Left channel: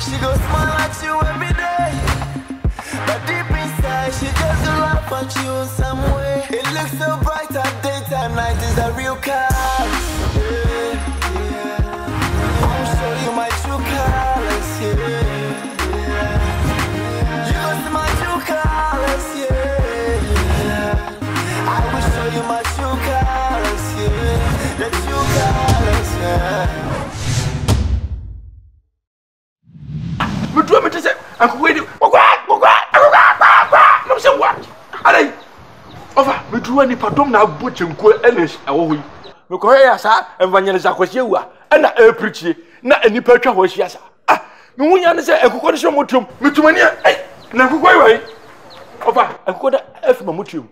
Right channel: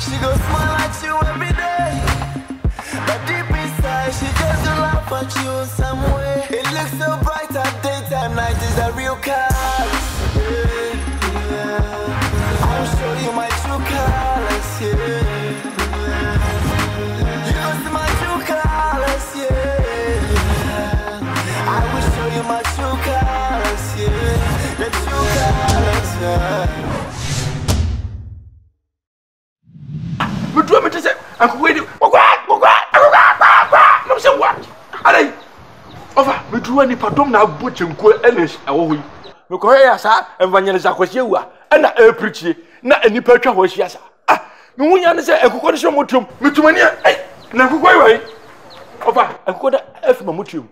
She goes smile at you every day, but deep inside she just laugh at you some way. It looks so bright at daytime, night is a real colors. I'll show you my true colors, You go see my true colors, I will show you my true colors, The true colors, Me do me to say, Uncle Wade, what? No, say what? Allez, over, me do any pardon now, butch and queer English, away. Me correa, sir, and Vanilla was you, and a preachy, not any percha was yes. Ah, no one answer a coconut mutum, me to many, eh, never go away. Over, and could F Mamutum.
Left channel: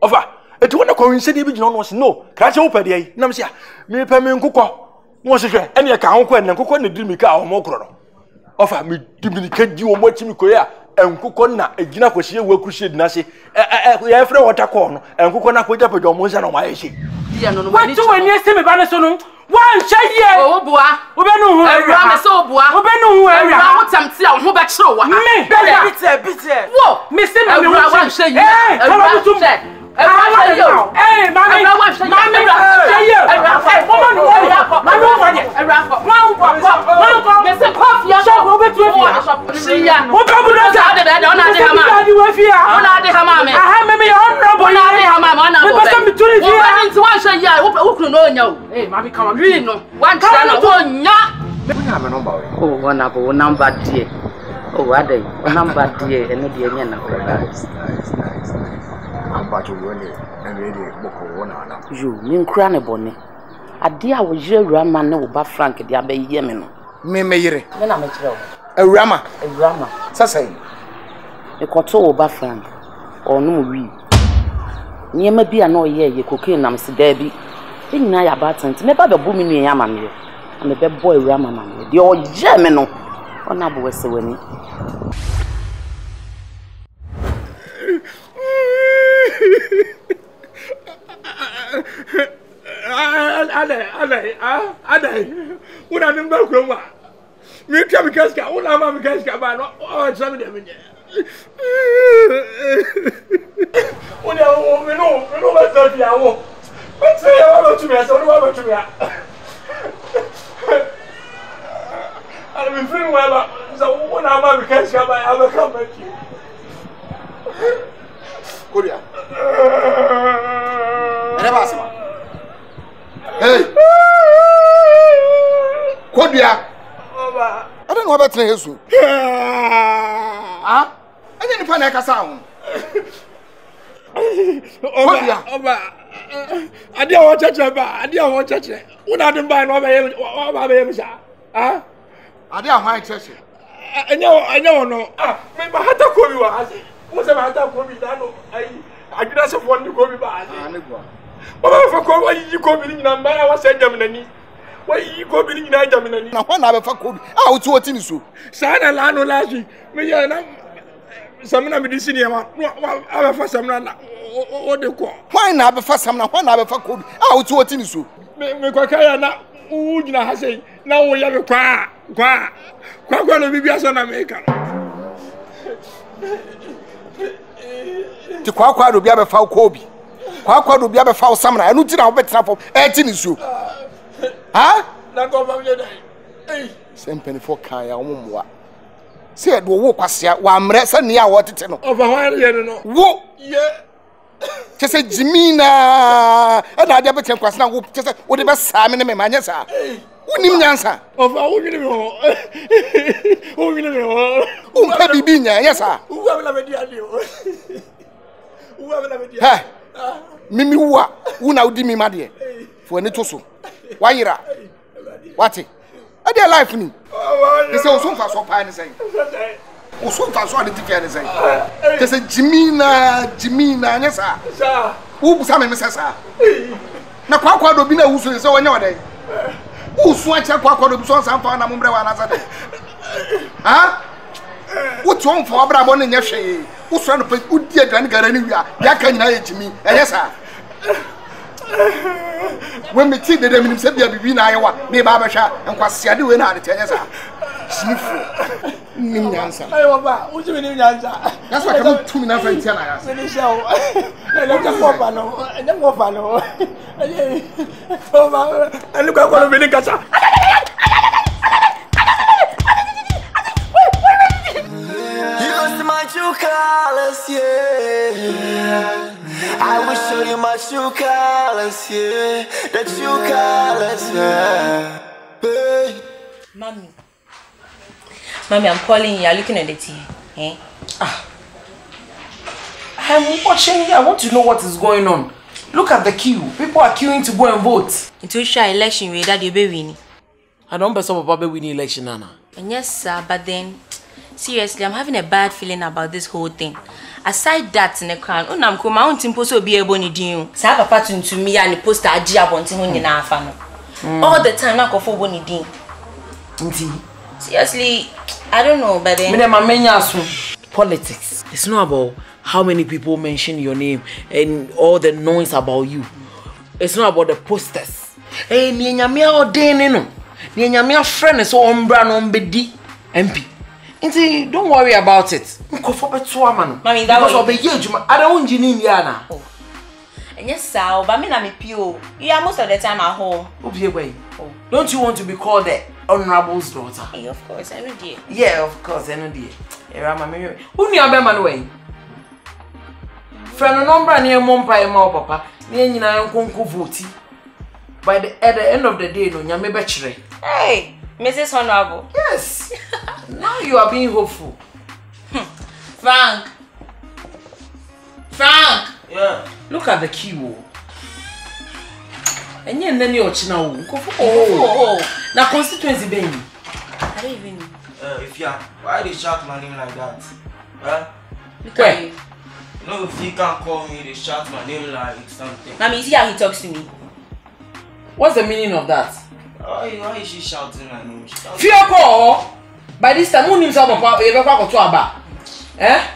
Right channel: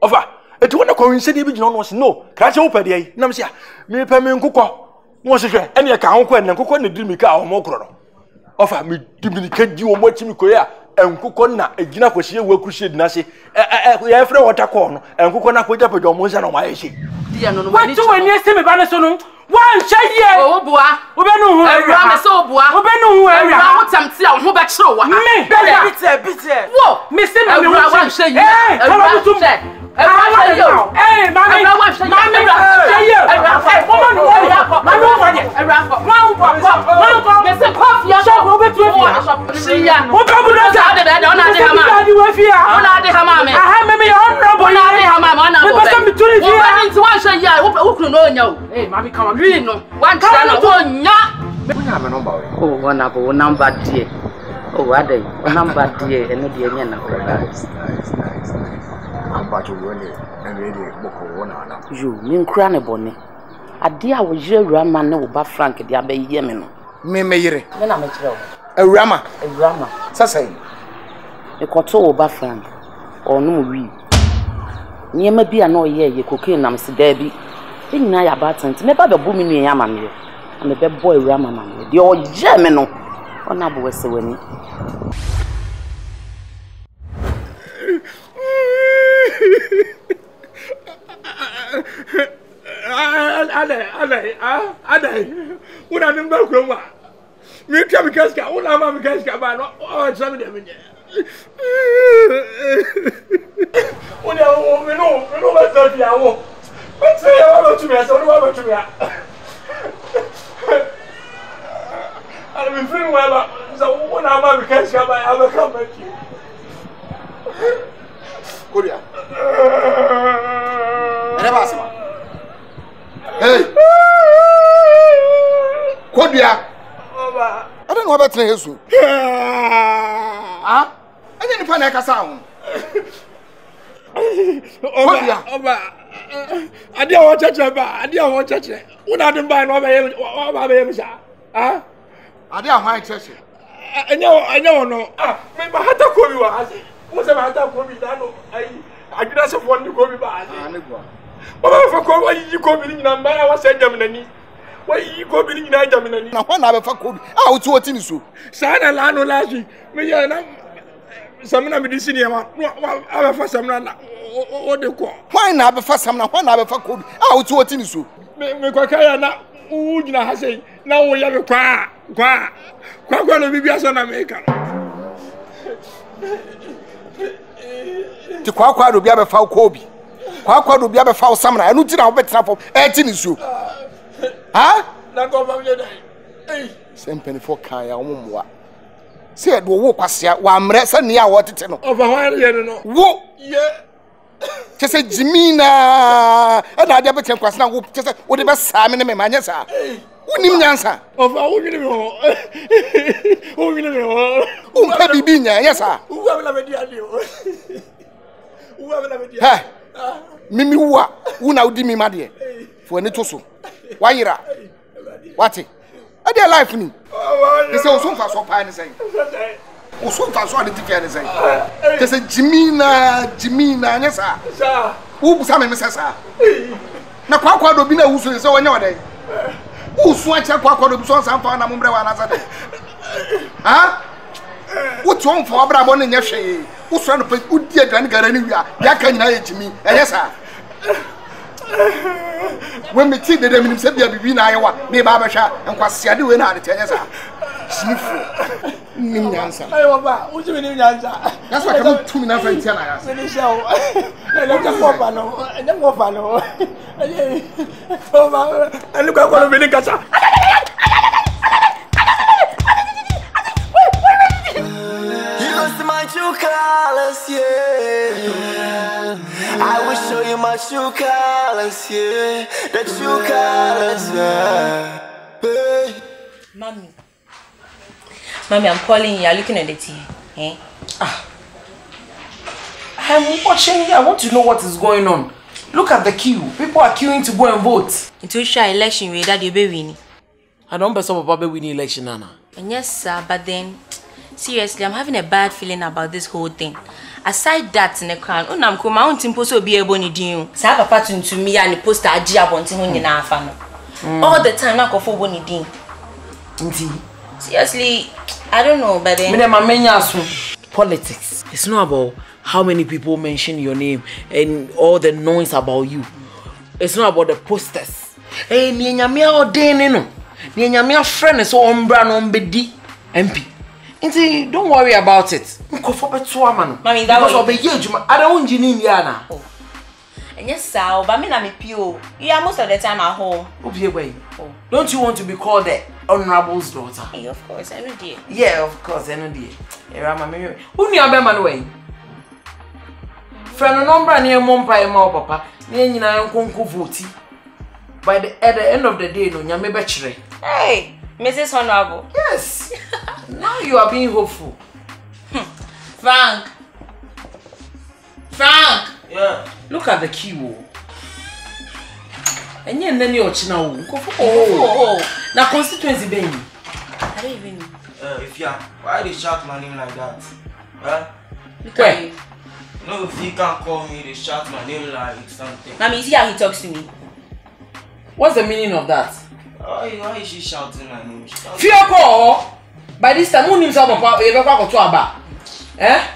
Over, it won't coincide was no, catch open the Namsia, me permanent cocoa. Was it any account when and cocoa did me car or more? Offer me diminique you watch me koya and cookona a gina was here will crusade nasi after water corn and cookona put up with your motion on my issue. What do I need to be banasonum? One shay ye, oh boy, Ubenu, so boy, Ubenu, I want some tea, who back so what? Me, bitter. Whoa, Mr. I want to say, hey, mommy, come on, really no. One oh, one number, dear. Oh, what day? One number, dear, and the end you, mean cranny bonny. A dear was your rama no ba Frank, the Abbey Yemen. Me, then I'm a rama, Sassay. A quarto ba Frank, or no we. Near may be a no year, ye cocaine, I'm Sir Debbie. In Naya Battens, never the booming yaman, and the bad boy rama man, the old German on Abu Westaway. Ade. What are them back from? Me come casca, what am I casca by no some of them. When you know what's the hour. What's the hour to me? I don't know to me. I've been feeling well, so when I'm a casca by, I will come back to you. Korea. Hey, Kodia. I don't know about you. Ah, I didn't find a sound. I didn't want to touch. I didn't want to touch. What I didn't buy over him, sir. Ah, I didn't want to touch. I know. Ah, my heart call you. What's the matter? Call me. I didn't have one to go back. What if you go in number? I was saying, Germany. Why you go in Germany? Now, one hour for code. I'll do what in so. Sana Lano Laji. May I know some of the senior one? I for some or the call. Why not for some 1 hour for code? I'll do what in so. Make would not say, now we have a car. Quite going to be a son of America. To Quack will be a foul Kobe. Quack will be a foul summer. I don't know better for 18 is you. Ah? Not go from your day. Same penny for Kaya. Said, walk us here 1 minute near what it's over 1 year. Whoa, yeah. Just say Jimina, and I never tell us now. Just what about Simon and Manasa? Wouldn't answer. Of our baby, yes, sir. Who have a Mimi, who now did me, my dear, for an etoso. Why, what? I dare life me. It's also fast for pine saying. So fast what did you say? There's a Jimina, yes, sir. Who some Mrs. Now, Quack will be no so so another day. Who swatch a quack of sons and found a mumble another day? Huh? What's wrong for Abraham in your shade? Who's trying to put good dear grandgar anywhere? That can I to me, yes, sir. when me see the dem say bia bibi na ayewa me ba ba hwa enkwasiade we na ade tenye sa snifu nim nyansa ayo ba o ti nim nyansa that's why come to me na friend tia na ya me show ele ka ko ba no ele mo ba no ele o ba ele ka ko me ni kasa True colors, yeah. I will show you my true colors, yeah. The true colors, yeah. Hey. Mommy, I'm calling you. You're looking at the TV. Eh? I'm watching here. I want to know what is going on. Look at the queue. People are queuing to go and vote. Into a election where that you be winning. I don't believe about winning election, Anna. And yes, sir, but then seriously, I'm having a bad feeling about this whole thing. Aside that, in the crown, I'm come out in post be able to do. Saba pattern to me and the poster Ajia wanting in our family. All the time, I go for one day. Seriously, I don't know, but then politics. It's not about how many people mention your name and all the noise about you. It's not about the posters. Hey, me and Yamia or Dane, me and Yamia friend is so umbra MP. Don't worry about it. Mommy, that because of the age, I don't want you in Yana. Oh. And yes, sir, but me na me pio. You are most of the time at home. Oh. Don't you want to be called the honorable's daughter? Hey, of course, I know dear. Yeah, of course, I know dear. Who knew about my way? Friend, number near Mompa and Ma Papa, near Nina Conco Voti. At the end of the day, no, you may betray. Hey, Mrs. Honorable. Yes. Now you are being hopeful. Frank. Yeah. Look at the queue. And you then you're now. Oh. Now constituency baby. I don't even know. If you why they shout my name like that? Huh? Look at you. No, if you can't call me, they shout my name like something. Mommy, you see how he talks to me? What's the meaning of that? Why is she shouting my name? Fear call. By this time, who himself about you ever to about? Eh?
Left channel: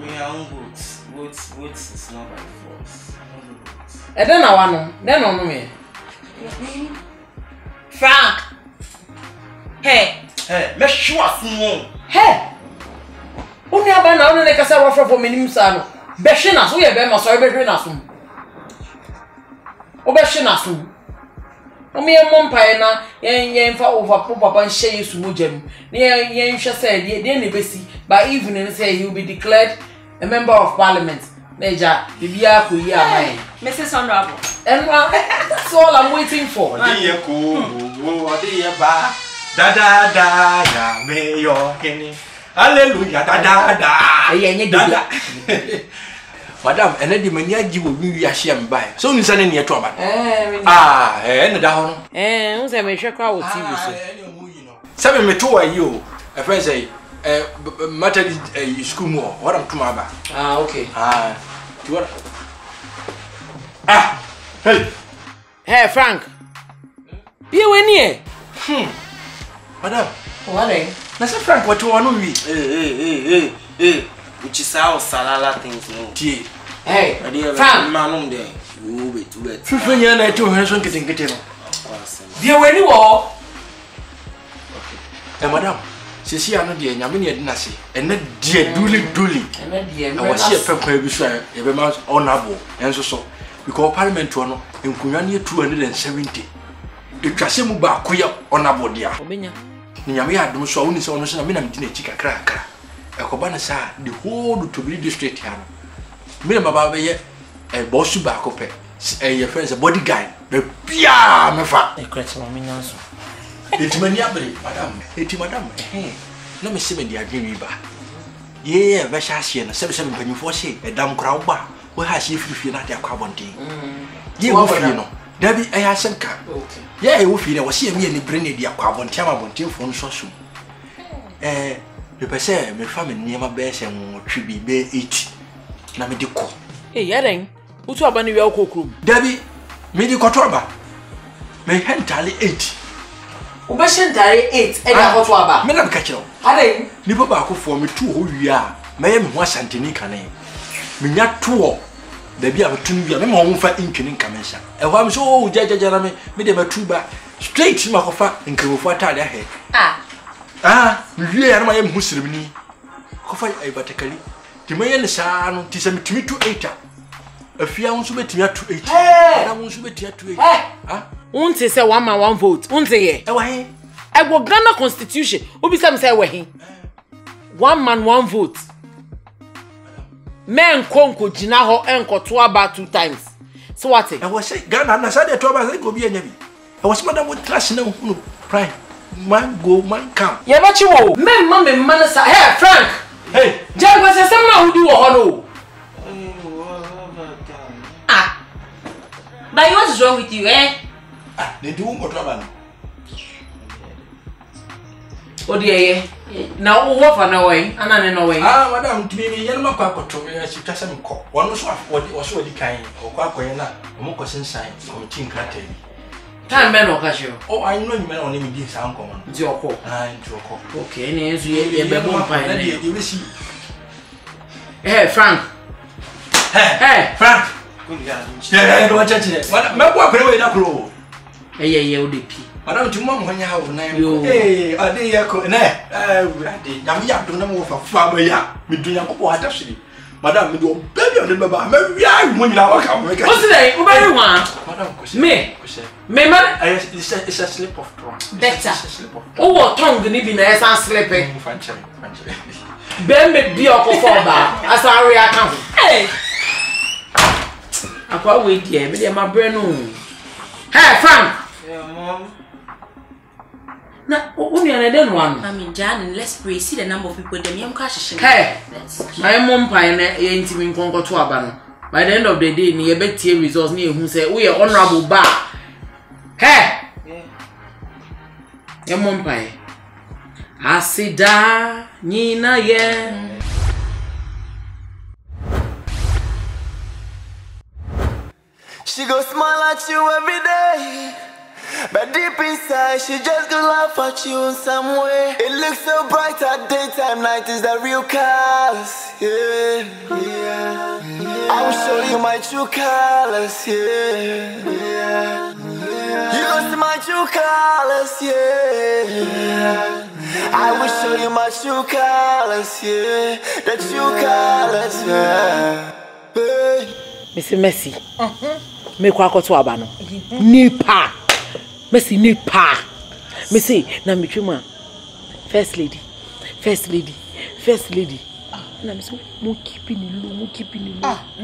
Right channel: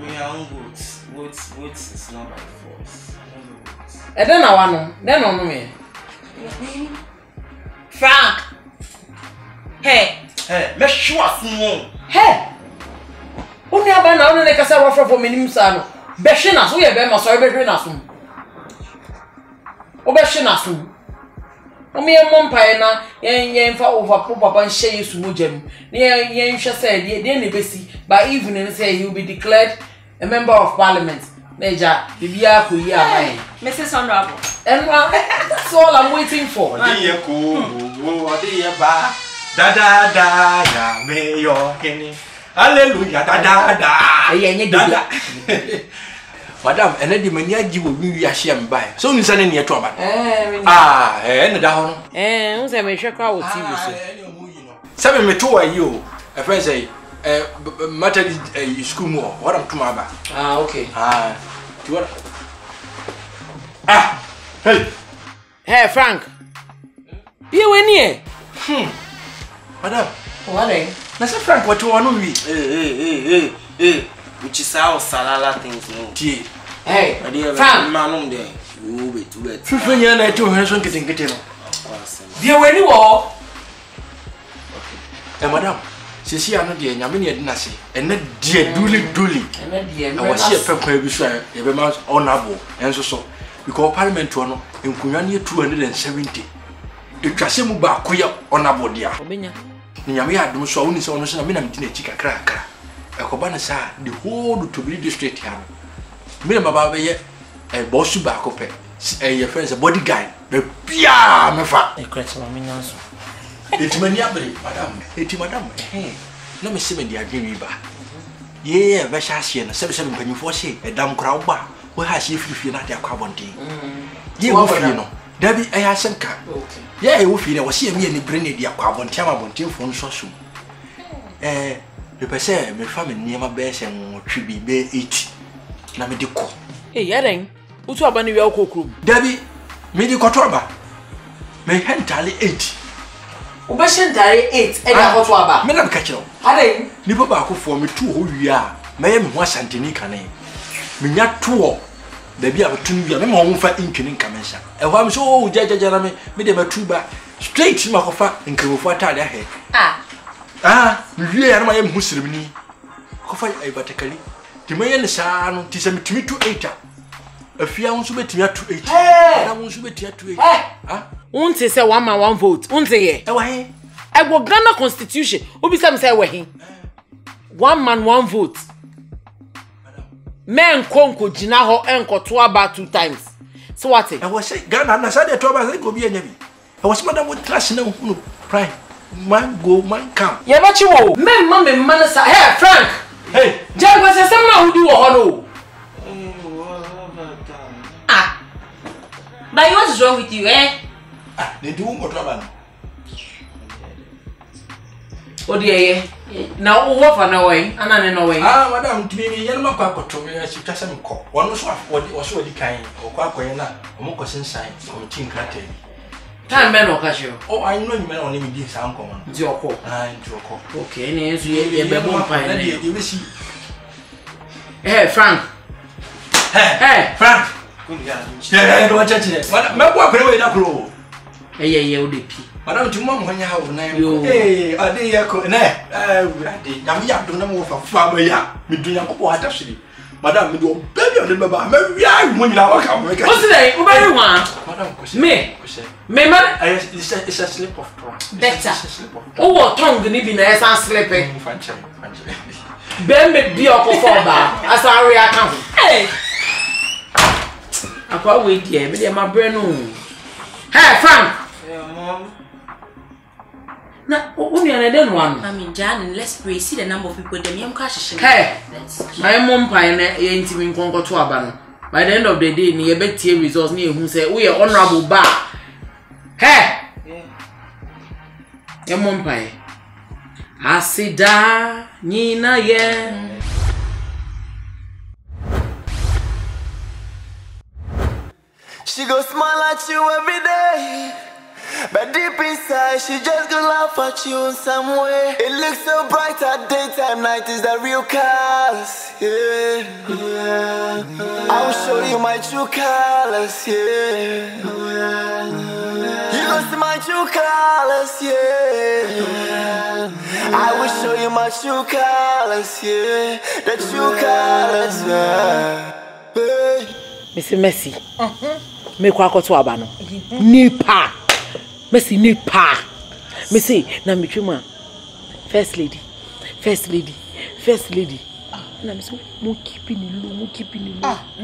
Me, I won't vote. Vote is not by force. And then I want then on me. Frank. Hey, make sure someone. Hey. Only about now, only because I offer for me, Sano. Beshina, so you better must be doing us. Obeshina soon. Me and Mompa na yen fa over papa and share you sumujam. Yen say the besi by evening say he will be declared a member of parliament. Major Bibia Kuya mine. Mrs. Honorable. And that's all I'm waiting for. Da ya me yo kenny. Hallelujah da. Madam, and the mania you will be a sham by. So you send in your trouble. And down. Who's a measure crowd TV? 7 me 2 are you. A friend say, matter school more. What I'm to my back. Okay. Hey, Frank. You win here. Madam. What eh? Mr. Frank, what you want to read? Hey. Which is how salala things no. Hey, Frank, man, there. You wait. 15 years I told her son getting it. Dear, when you are. Madam, she see another dear, Yamini Nasi, and that dear Dooley. And then, dear, I was here pepper beside every man's honorable, and so. Because Parliament to honor in Kunani 270. It was a muba queer honorable dear. Yamia don't show only so much. I mean, I'm dinner chicken cracker. A Kobana sa the whole to be district here. Minimum a boss back up a friend's a bodyguard. The Pia, my father. A crack on me now. It's maniably, madam. It's madam. Hey, let me see me the agreement. Yeah, Vashasian, 77 when you foresee a damn crowd bar. Where has she if you're not a carbon tea? You know, Debbie, I have some car. Yeah, if you was here, me and bring the carbon tamabon from so soon. You say, my family near my best and should be bay each. Namedico. Hey, Yaring, who's up on your cook? Debbie, medical trouble. May entirely 8. Ubashan Dari 8 and a hot waba. Madam Catcher. Hading, Nipobacco for me 2 who we are. May am Wasantini cane. Me not 2. da bi a betun bi a me ma won fa intwini nkamensha e ho am so o jajajara me de batuba straight ma ko fa nkemofo atade ahe me wie ya na ma ye muslimni ko fa ai batakali ti me ye ne saa no ti se metumi to 8 afia won so betumi ato 8 ana won so betumi ato 8 unti say 1 man 1 vote unti ye e wa he e go Ghana constitution obi say me say we he 1 man 1 vote men konko jina ho enko to aba 2 times so what e was say Ghana na say to aba say go bi anya bi e was madam with trash na hunu prime man go man come ye ba chi wo men ma me man sa hey Frank hey jagwa say some na hudi wo ho no but what is wrong with you they do go to aba Odiye na wo fa na we anane no we madam timi yen makwa akoto me si twase mko wono so wo di kan okwa akoye na mo ko sensan committee nkrata bi time be no ka sho I know you me na oni me di sa nko mo ndi okọ ndi okọ okay na enzu ye be bo mpa na ye we si hey Frank Frank yeah do chache me ko akore we na kro ye o de pi madam tu mo nya ha na ade ya ko na ade nyam ya do na mo fa ba ya me dunya ko po hata hwiri madam me do baby on the baba me wia mo nyina wa ka mo ka o se dai o ba ri wa madam ko se me ma it's a slip of tongue better o wo tongue ni bi na esa slip fanche be me bi okofo ba asa re aka ho akwa we die me de ma bre no hey Frank Mom. Na uni anede no anu. I mean, Jan, let's pray. See the number of people them yam cash. Hey, my mom pie na ye ntimi nkonko to aba no. By the end of the day, ni ye betie results ni ehun say we are honorable ba. Hey. Your mom pie. Asida nyina ye. She go smile at you every day, but deep inside she just gonna laugh at you in some way. It looks so bright at daytime, night is the real colors. I will show you my true colors. You gonna see my true colors. I will show you my true colors. The true colors. Mr. Messi. Me kwa akoto aba no. Nipa. Messi nipa. Me say na me twema. First lady. Na me say mo keep in low.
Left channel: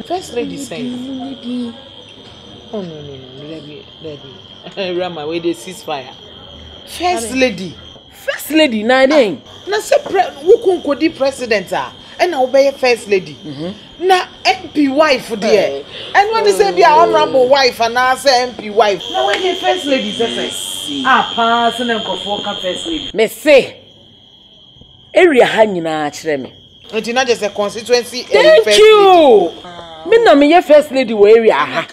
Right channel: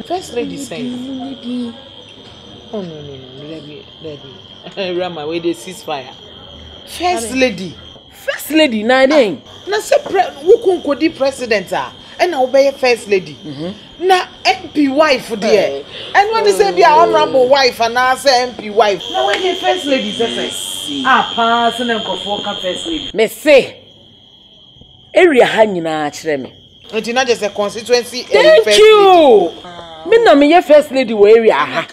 First lady say. Oh no. Let Rama where they ceasefire. First lady na den. Na say who konkodi president ah. And now be first lady. Na MP wife there. And when they say be honorable wife and I say MP wife. Now when the first lady say pass and nkofo ka first lady. Me say area ha nyina kire me. It not just a constituency. Thank you. Me na me first lady we area ha.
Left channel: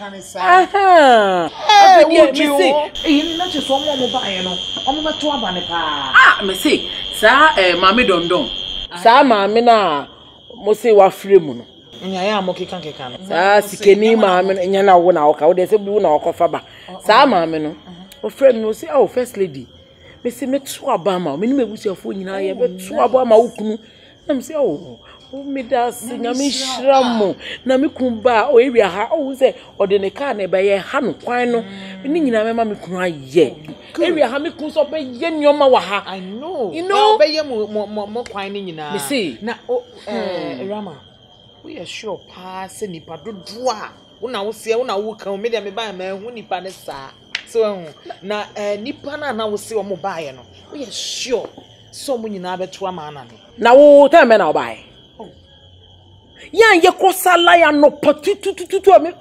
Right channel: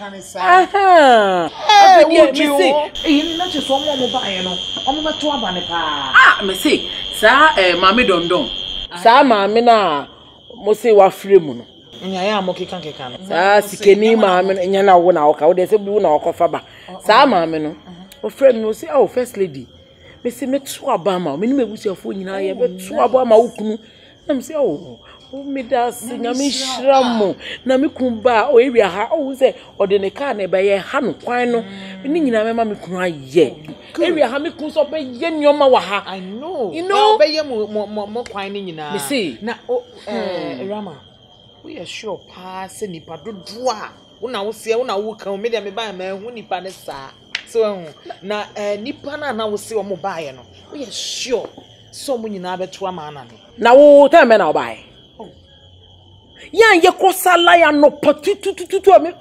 Hey, would you say not just one more buy no. Omo beto aba ne pa. Me say sa mama dondon. Sa mama na mo say wa free mu no. Nya ya mo keka no. Sa sikeni mama nya na wo na wo ka wo de say bi wo na okofa ba. Sa mama no. O frame no say oh first lady. Me say me to aba ma. Me ni mebusiafo nyina ye be to aba ma wo kunu. Na me say oh me da sinya me hram na me kumba o ewia ha o say o de ne ka na be ye ha no kwan no. Ni nyina me ma me kunu aye. Ewia ha me kun so be ye nyoma wa ha. I know. You know be ye mo kwan ni nyina. Me say na Rama. We are sure pass nipa dodo a una wo se una wo kan me de me ba ma hu nipa ne sa so na nipa na wo se o mo ba ye no we are sure so mo nyina beto ama na na wo tell me na buy yan ye kosala ya no potutututu me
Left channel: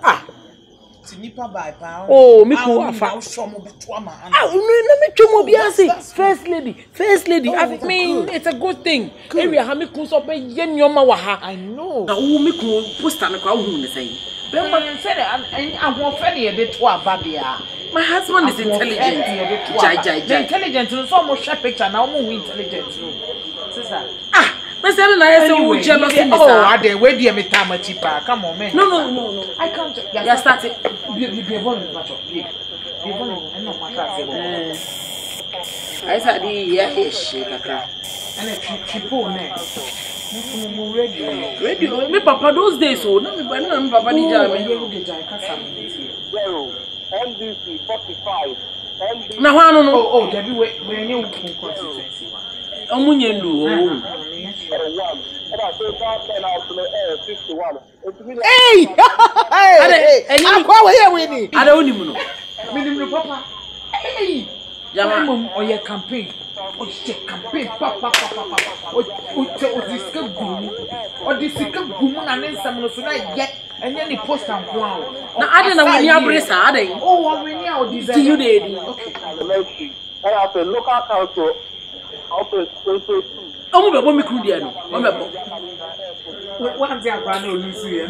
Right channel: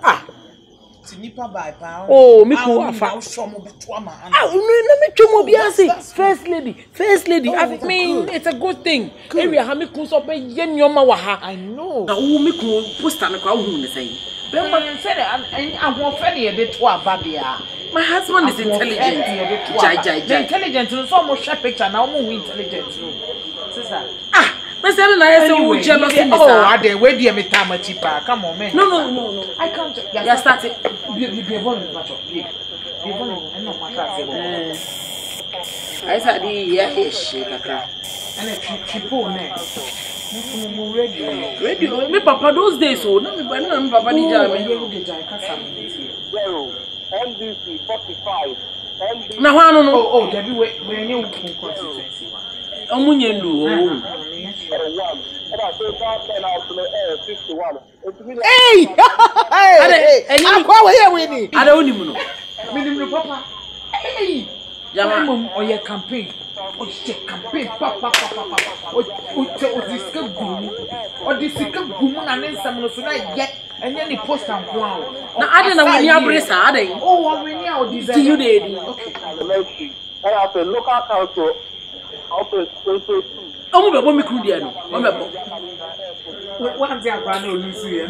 ti nipa ba pa oh me ko afa so mo beto ama na no me twemo bia say first lady I mean it's a good thing area ha me kun so be ye nyoma wa ha I know na wo me ko poster na kwa hu ne say Bemba said ahofede de to aba bia. My husband is intelligent. Intelligent. So mo share picture na mo intelligent no. Sister. Me say na yes who jealousy me. Oh, I dey wait there me time cheaper. Come on, man. No. I can't. You start it. Be volume, macho. Be volume. I know my class. I said the ish kakra. And a triple next. Radio. Me papa those days so na me papa di jam me. NDC 45. Na ho anu no. Oh, Debbie, we new constituency one. Omunye ndu o. Hey! Hey! Akwa we here we ni. Ada onimu no. Minimum papa. Hey! Jama o ye campaign. O che campaign papa. O disika gumu. O disika gumu na nsam no so na ye enye ni post and kwa. na ade na wani abresa ade. Oh, we ni o design. Ti you dey. Okay. I have a local council. Omo bebo mi kru dia no. Omo bebo. One day agba na olusu ye.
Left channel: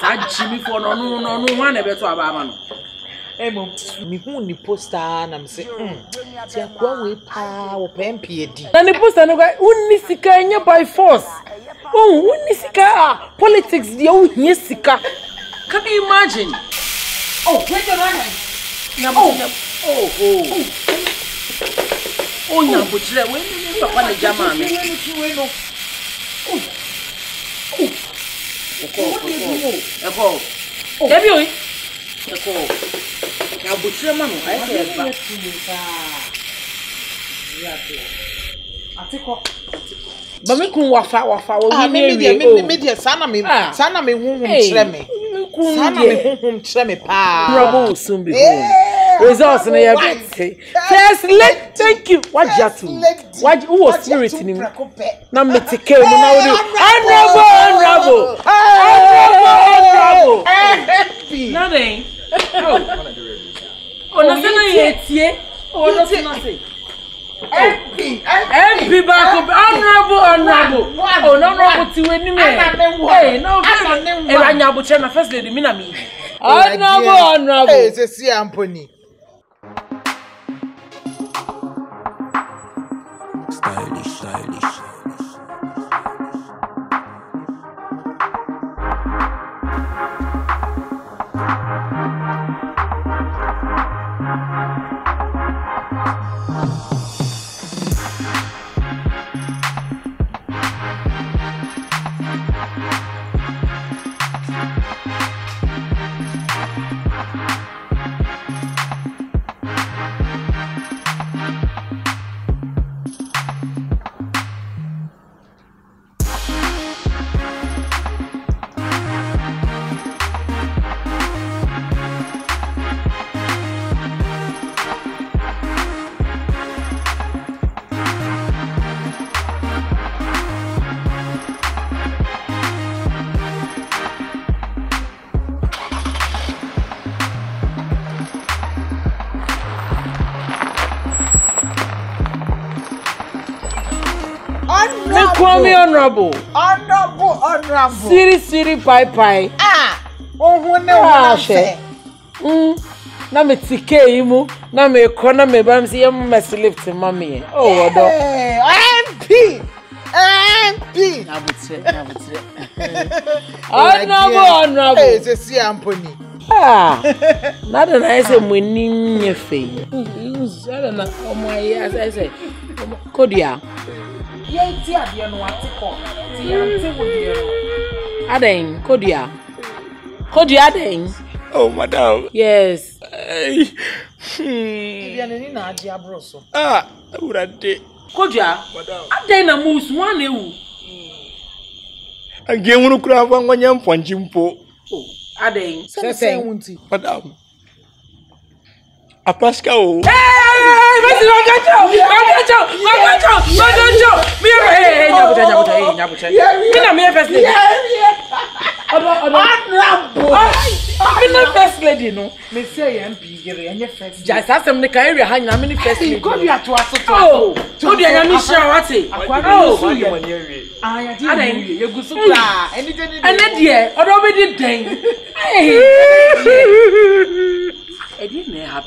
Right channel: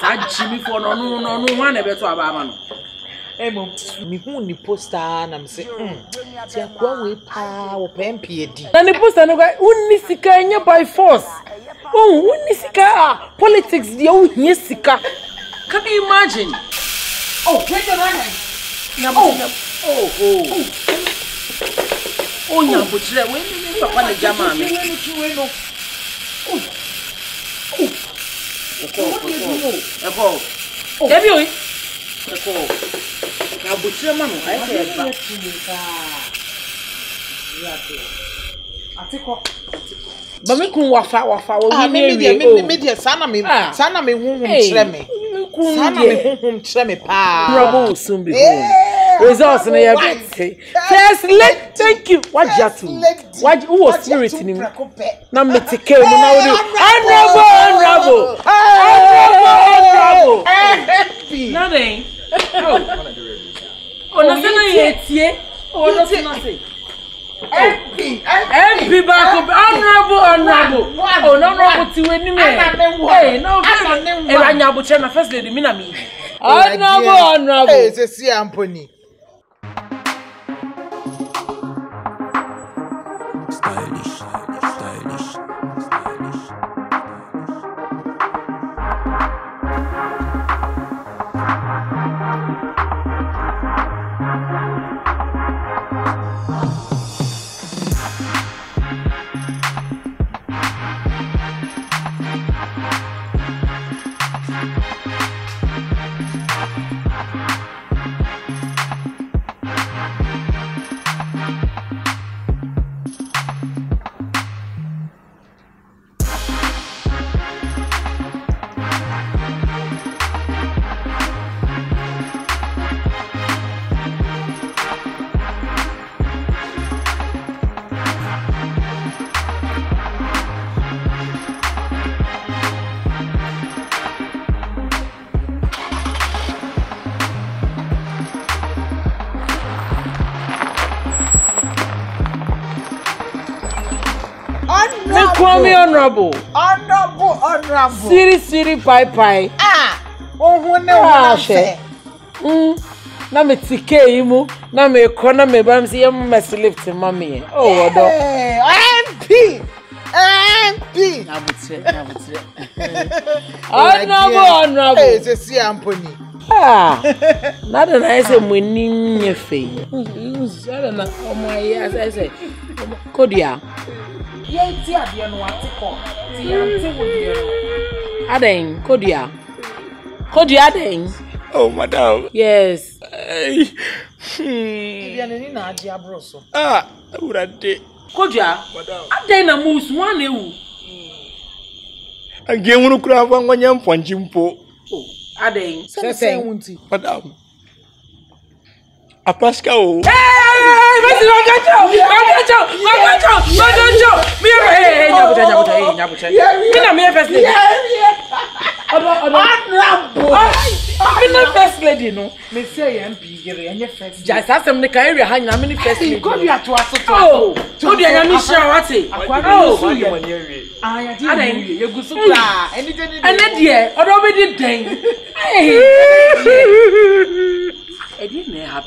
Sa jimi for no ho na beto aba ama no. Emo mi hu ni poster na me say ti akwa we pa wo pempie di. Na ni poster no ga unni sika nya by force. Oh, unni sika politics dia wo hie sika. Can you imagine? Oh, wait your hand. Oh, nyambo chire we ni papa na jama me. Eko. Debi oyi. Eko. Nyambo chire ma no, ai se ba. Atiko. Ba me kun wafa wo ni me dia sana me honhom chire me. Sana me honhom chire me pa. Trouble soon be home. Results in your bed. First lady, thank you. What jatu? What who was spirit in him? Na me take care mo na wo. Honorable. Nothing. Oh, na se na yetie. Oh, no se na se. MP back up. Honorable. Oh, no ti we ni me. Hey, no. E wa nya buche na first lady mi na mi. Honorable. Hey, se si amponi. Stylish. Honorable. Siri pai. Ohun ne wa se. Na me tike imu, na me ko na me bam si yem mess lift mami. Oh odo. MP. Na butre. Honorable. Eh, se si amponi. Nada na ese muni nyefe. Nada na omo ya ese. Kodia. Ye ti ade no atiko. Ti yante wo de no. Aden, Kodia. Kodia Aden. Oh, madam. Yes. Bianani na age abroso. Urade. Kodia. Aden na musu wan ewu. Ange nwunu kura afa nwanya mponji mpo. Aden. Se wunti. Madam. Apaska o. Hey, Mr. Wagacho. Me nyabucha. Me na me first lady. Me na first lady no. Me say MP gere enye first. Just asem ne kan area ha nyina me ni first lady. Ko dia to asoto. Oh, ko dia nya mi share wate. Oh, ya di Aden. ye gusu kra. Eni de odo be di den.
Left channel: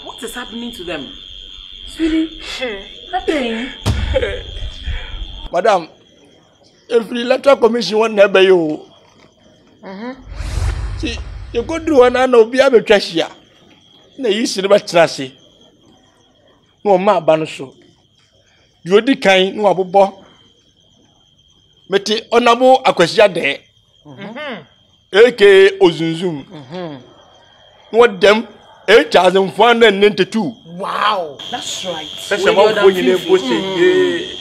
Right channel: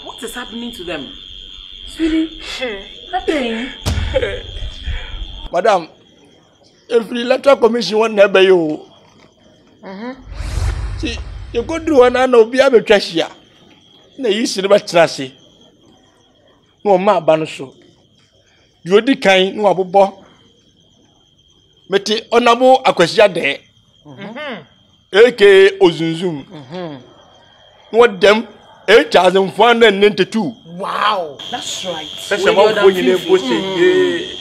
What is happening to them? Sweetie, nothing. Madam, If the electoral commission won't never you. See, you go do one and be able to trash ya. No, you see the trashy. No, ma banuso. You the kind no abo. Meti honorable akwasiya de. AK Ozunzum. What them 8,492. Wow, that's right. That's a month when you post it.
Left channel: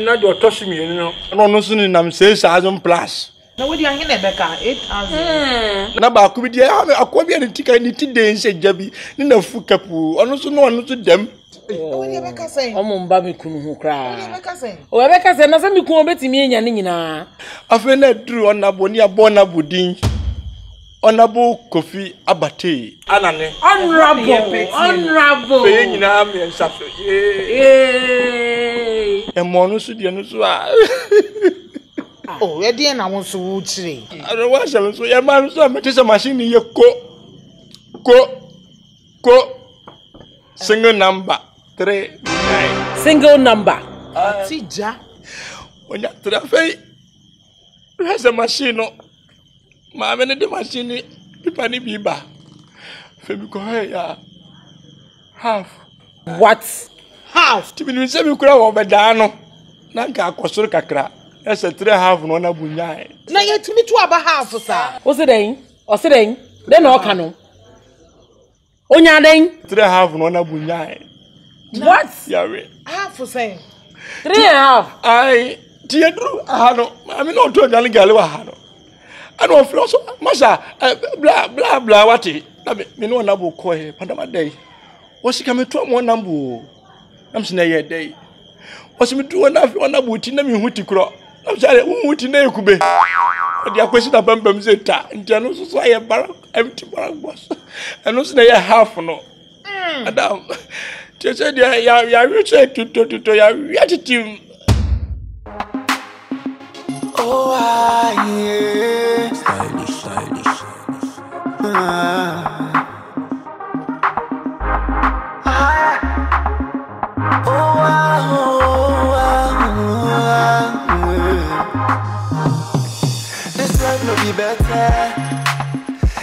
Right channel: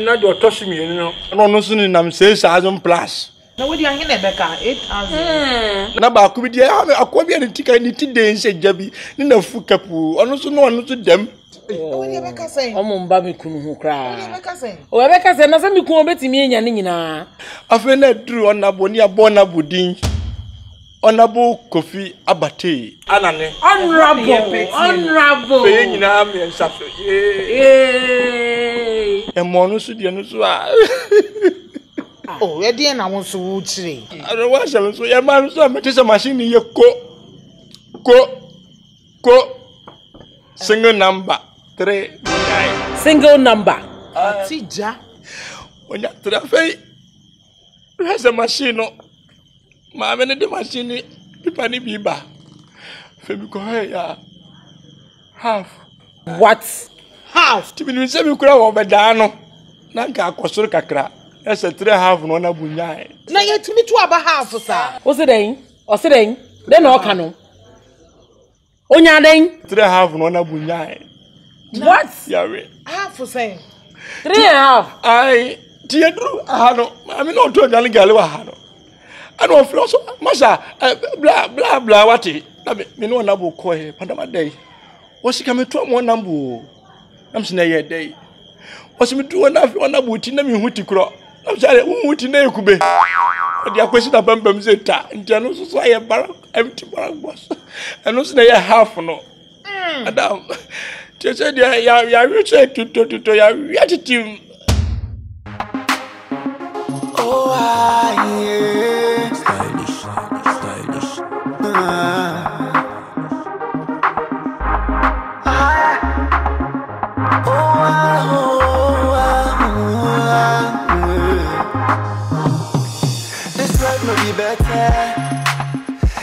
Not your tossing me, you know. No, no, soon I'm 6,000 plus. Now, what do you hear, Rebecca? 8,000. Now, could be a copy and ticket and it day and say, Jabby, in a foot capu, and also no one to them. What did Rebecca say? Omo baby kunu cry. What did Rebecca say? O Rebecca say na say me ku obeti mi enya ni nyina. Afa na dru onabo ni abona budin. Onabo Kofi Abate. Anane. Honorable. Fe nyina me nsaso. Eh. E mo no so de no so a. Oh, where dey na won so wo chire. I wa sha so e ma so me tese machine ye ko single number 39. Single number. Tija. Onya trafe. Has a machine no. Ma me ne de machine pipa ni biba. Fe bi ko ya. Half. What? Half. Ti bi se bi kura wo beda no. Na nka akosoro kakra. Ese 3 half no na bunya. Na ye timi to aba half sa. O se den? Den o ka no. Onya den? 3 half no na bunya. What? Yawe. Half say. 3.5. Ai, ti edru ahano. Ma me no to dan gale wa hano. Ano ofro so masha bla wati. Na me no na bo ko he pandama dai. Wo sika me to mo na bo. Nam se na ye dai. Wo se me tu na fi na bo ti na me huti kro. Nam se hu huti na ekube. Odi akwesi na bambam zeta. Ntia no so aye bara empty bara boss. Ano se na ye half no. Adam. Ti se dia ya reach to ya attitude. Oh, yeah. Stylish. This life no be better.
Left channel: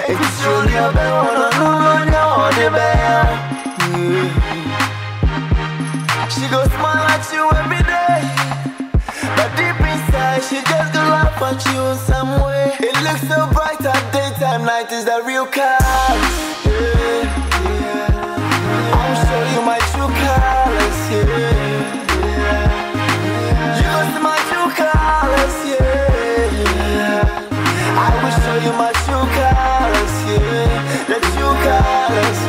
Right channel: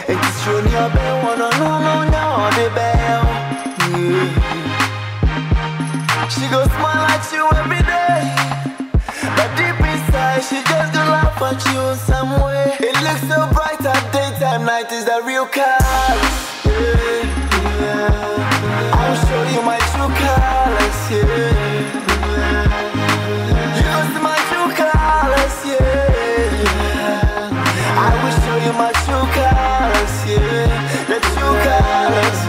If it's only a better, no, the better. She goes smile at you every day, but deep inside she just gonna laugh at you in some way. It looks so bright at daytime, night is the real colors. I'll show you my true colors, You gon' see my true colors, I will show you my true colors, The true colors,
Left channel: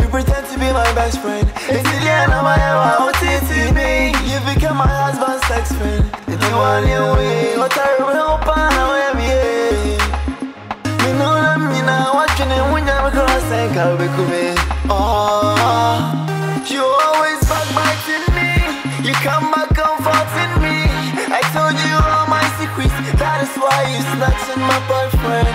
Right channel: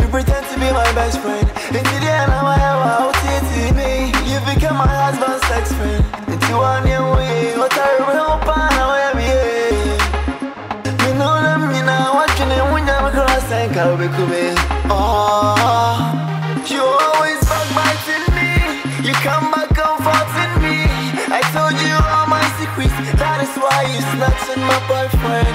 You pretend to be my best friend. It's the end of my OTTB. You become my husband's sex friend. It's the one you way. What I will pan away. Me know me now watching it when you're across and I'll be coming. Oh, you always backbiting me. You come back comforting me. I told you all my secrets. That is why you snatching my boyfriend.